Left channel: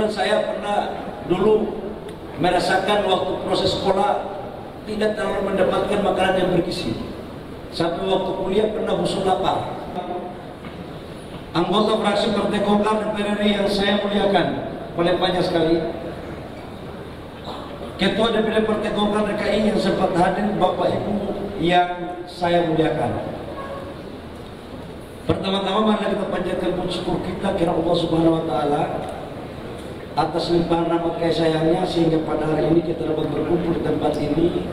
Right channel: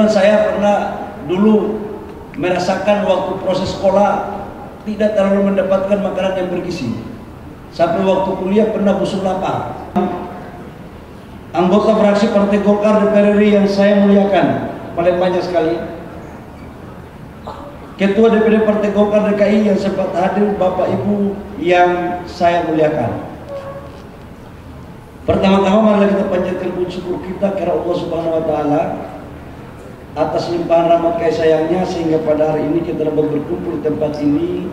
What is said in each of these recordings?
Kebetulan saya pernah dulu merasakan waktu proses sekolah tidak terlalu mendapatkan makanan yang bergizi. Sampai waktu kuliah pernah busuk lapar. Anggota fraksi Partai Golkar DPR RI yang saya muliakan, paling banyak sekali. Ketua DPD Partai Golkar DKI yang sempat hadir, Bapak Ibu yang saya muliakan. Pertama-tama mari kita panjatkan puji syukur kita kepada Allah Subhanahu wa taala atas limpahan rahmat kasih sayangnya sehingga pada hari ini kita dapat berkumpul di tempat ini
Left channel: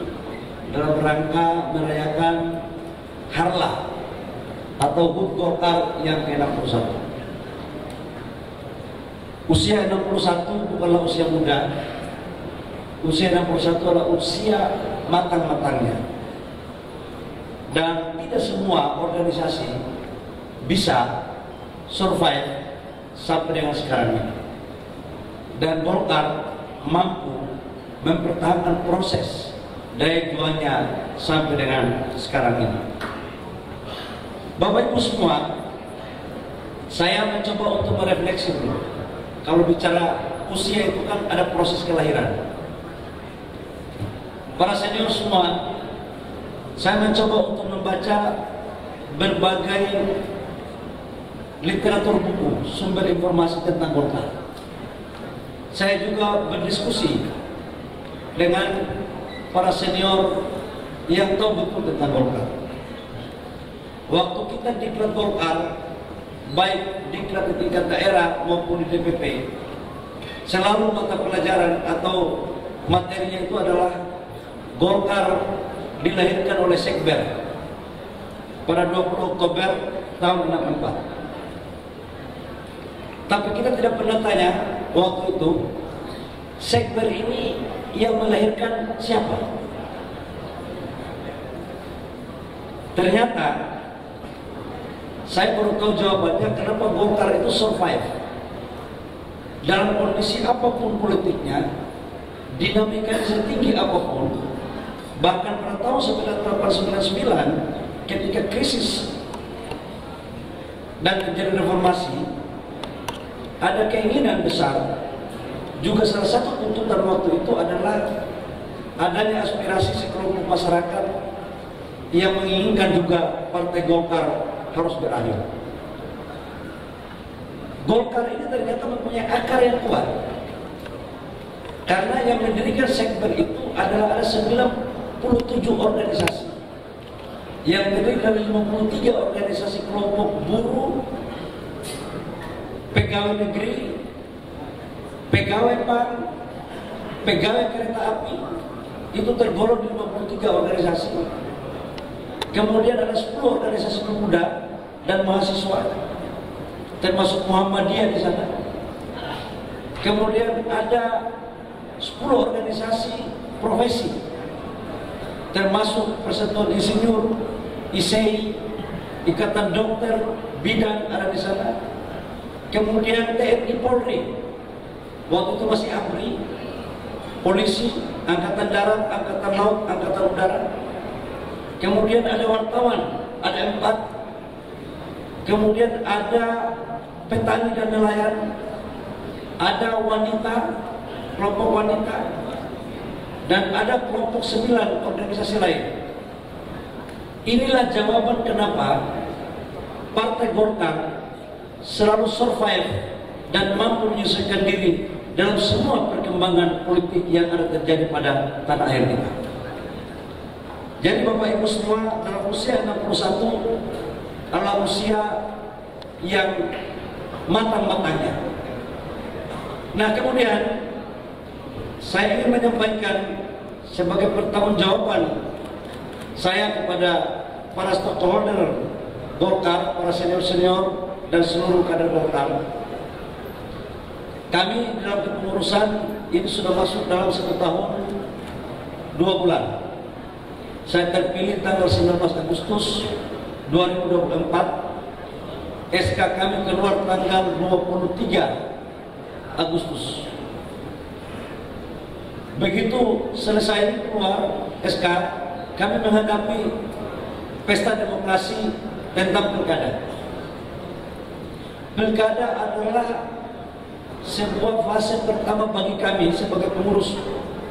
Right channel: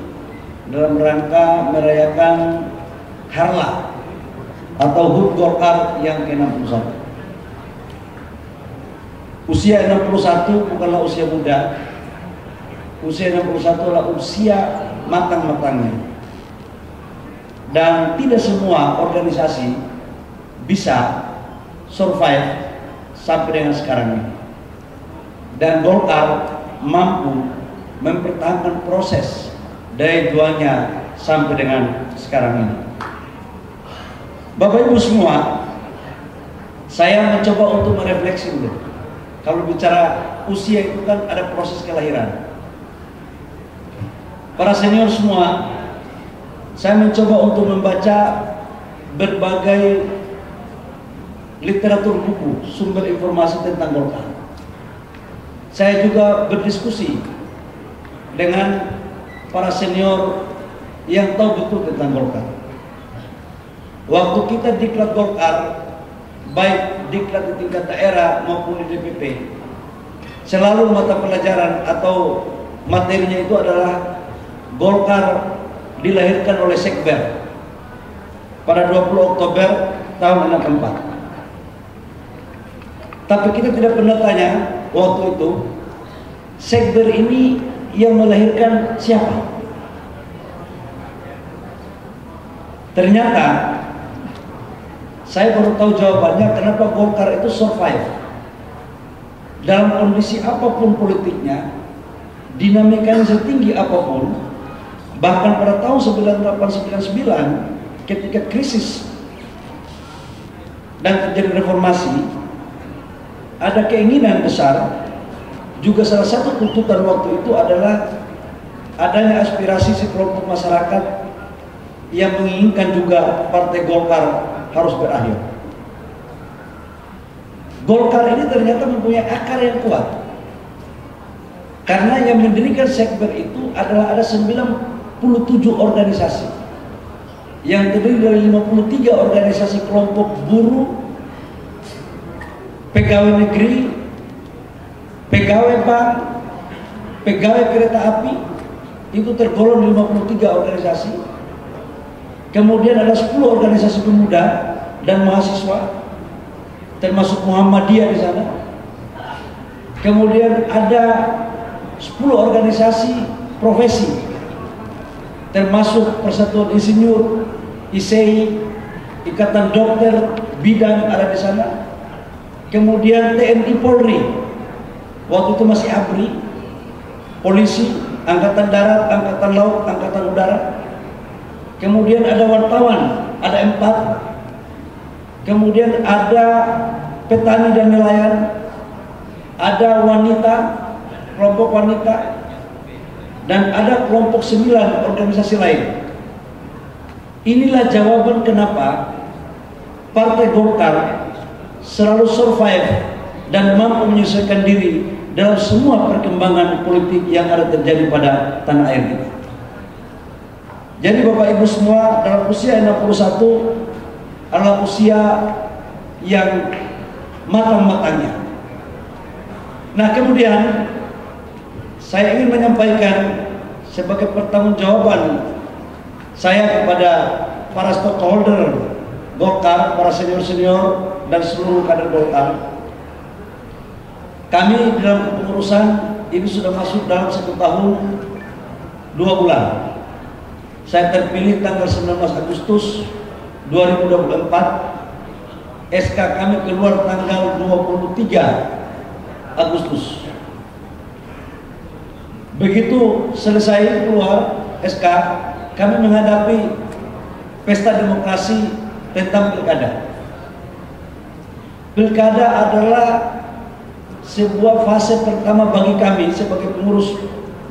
dalam rangka merayakan Harlah atau HUT Golkar yang ke-61. Usia 61 bukanlah usia muda. Usia 61 adalah usia matang-matangnya. Dan tidak semua organisasi bisa survive sampai dengan sekarang ini. Dan Golkar mampu mempertahankan proses dari duanya sampai dengan sekarang ini. Bapak Ibu semua, saya mencoba untuk merefleksi dulu. Kalau bicara usia itu kan ada proses kelahiran. Para senior semua, saya mencoba untuk membaca berbagai literatur buku, sumber informasi tentang Golkar. Saya juga berdiskusi dengan para senior yang tahu betul tentang Golkar. Waktu kita diklat Golkar, baik diklat di tingkat daerah maupun di DPP, selalu mata pelajaran atau materinya itu adalah Golkar dilahirkan oleh Sekber pada 20 Oktober tahun 64. Tapi kita tidak pernah tanya waktu itu, Sekber ini yang melahirkan siapa? Ternyata saya baru tahu jawabannya kenapa Golkar itu survive. Dalam kondisi apapun politiknya, dinamikanya setinggi apapun, bahkan pada tahun 1999 ketika krisis dan terjadi reformasi, ada keinginan besar. Juga salah satu tuntutan waktu itu adalah adanya aspirasi sekelompok masyarakat yang menginginkan juga Partai Golkar harus berakhir. Golkar ini ternyata mempunyai akar yang kuat. Karena yang mendirikan Sekber itu adalah ada 97 organisasi yang terdiri dari 53 organisasi kelompok buruh, pegawai negeri, pegawai bank, pegawai kereta api, itu tergolong 53 organisasi. Kemudian ada 10 organisasi pemuda dan mahasiswa, termasuk Muhammadiyah di sana. Kemudian ada 10 organisasi profesi, termasuk Persatuan Insinyur, ISEI, Ikatan Dokter, Bidan ada di sana. Kemudian TNI Polri, waktu itu masih ABRI, polisi, Angkatan Darat, Angkatan Laut, Angkatan Udara. Kemudian ada wartawan, ada 4. Kemudian ada petani dan nelayan, ada wanita, kelompok wanita, dan ada kelompok 9 organisasi lain. Inilah jawaban kenapa Partai Golkar selalu survive dan mampu menyesuaikan diri dalam semua perkembangan politik yang ada terjadi pada tanah air kita. Jadi Bapak Ibu semua, dalam usia 61 adalah usia yang matang-matangnya. Nah kemudian saya ingin menyampaikan sebagai pertanggungjawaban saya kepada para stakeholder Golkar, para senior-senior dan seluruh kader Golkar. Kami dalam kepengurusan ini sudah masuk dalam 1 tahun 2 bulan. Saya terpilih tanggal 19 Agustus 2024. SK kami keluar tanggal 23 Agustus. Begitu selesai keluar SK, kami menghadapi pesta demokrasi tentang pilkada. Pilkada adalah sebuah fase pertama bagi kami sebagai pengurus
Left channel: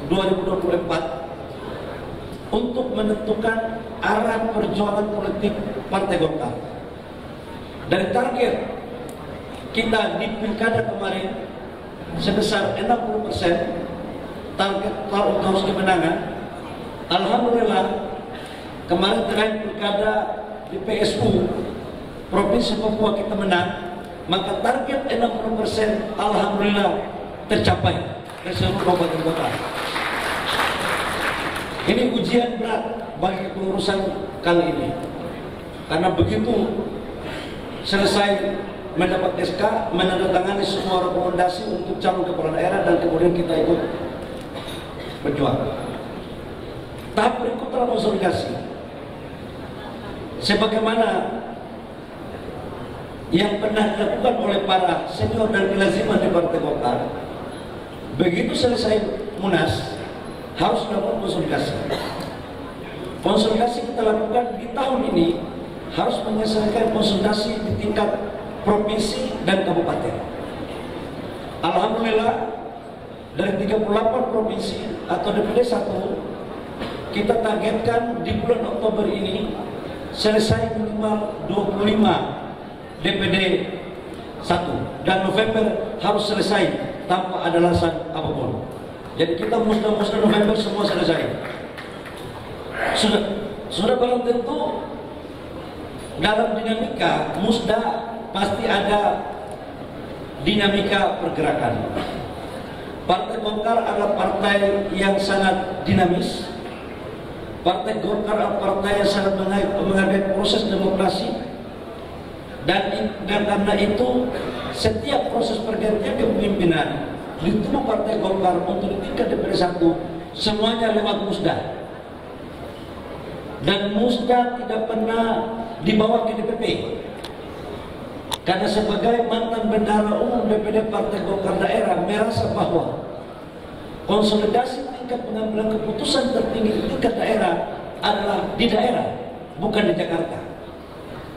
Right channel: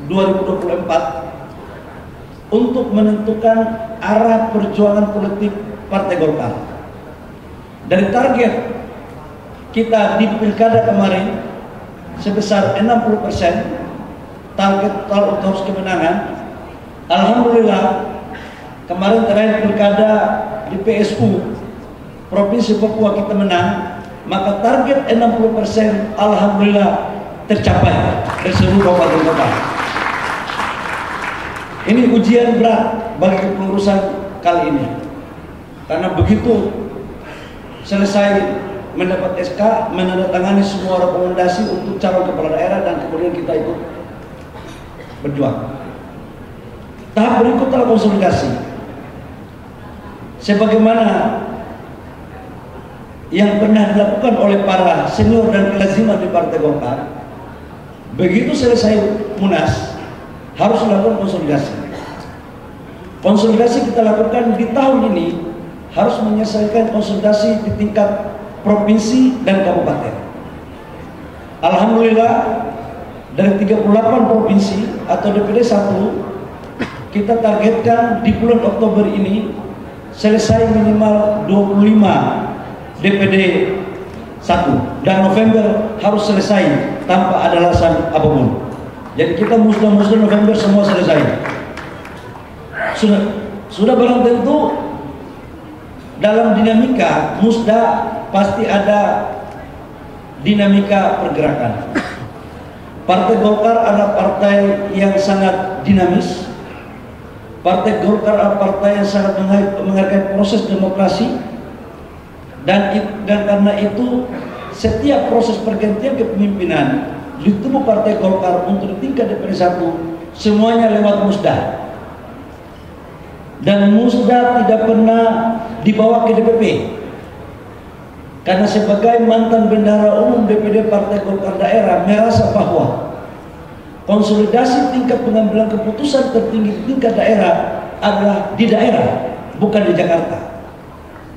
2024 untuk menentukan arah perjuangan politik Partai Golkar. Dari target kita di pilkada kemarin sebesar 60% target tahun kemenangan, alhamdulillah kemarin terakhir pilkada di PSU Provinsi Papua kita menang, maka target 60% alhamdulillah tercapai dari seluruh kabupaten kota. Ini ujian berat bagi kepengurusan kali ini, karena begitu selesai mendapat SK, menandatangani semua rekomendasi untuk calon kepala daerah, dan kemudian kita ikut berjuang. Tahap berikut adalah konsolidasi. Sebagaimana yang pernah dilakukan oleh para senior dan kelaziman di Partai Golkar, begitu selesai Munas harus dilakukan konsolidasi. Konsolidasi kita lakukan di tahun ini harus menyelesaikan konsolidasi di tingkat provinsi dan kabupaten. Alhamdulillah dari 38 provinsi atau DPD 1, kita targetkan di bulan Oktober ini selesai minimal 25 DPD 1, dan November harus selesai tanpa ada alasan apapun. Jadi kita musnah November semua selesai. Sudah barang tentu dalam dinamika musda pasti ada dinamika pergerakan. Partai Golkar adalah partai yang sangat dinamis. Partai Golkar adalah partai yang sangat menghargai proses demokrasi, dan karena itu setiap proses pergantian kepemimpinan di tubuh Partai Golkar untuk tingkat DPD 1 semuanya lewat musda. Dan musda tidak pernah dibawa ke DPP, karena sebagai mantan bendahara umum DPD Partai Golkar daerah merasa bahwa konsolidasi tingkat pengambilan keputusan tertinggi tingkat daerah adalah di daerah, bukan di Jakarta.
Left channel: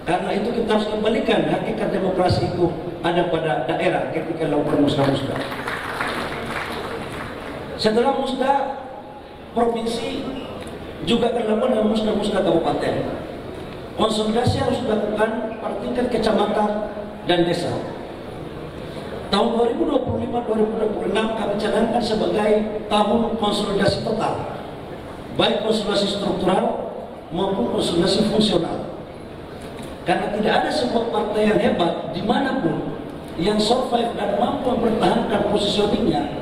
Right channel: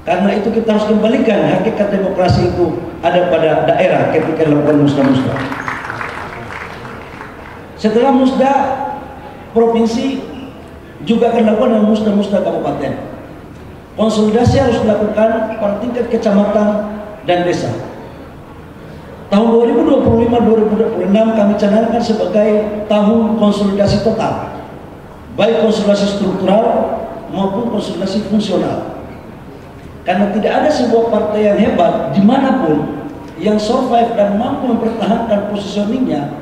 Karena itu kita harus kembalikan hakikat demokrasi itu ada pada daerah ketika dilakukan musda-musda. Setelah musda provinsi juga akan dilakukan dengan musda-musda kabupaten. Konsolidasi harus dilakukan pada tingkat kecamatan dan desa. Tahun 2025-2026 kami canangkan sebagai tahun konsolidasi total, baik konsolidasi struktural maupun konsolidasi fungsional. Karena tidak ada sebuah partai yang hebat dimanapun yang survive dan mampu mempertahankan positioningnya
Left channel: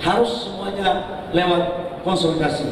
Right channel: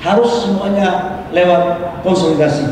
harus semuanya lewat konsolidasi.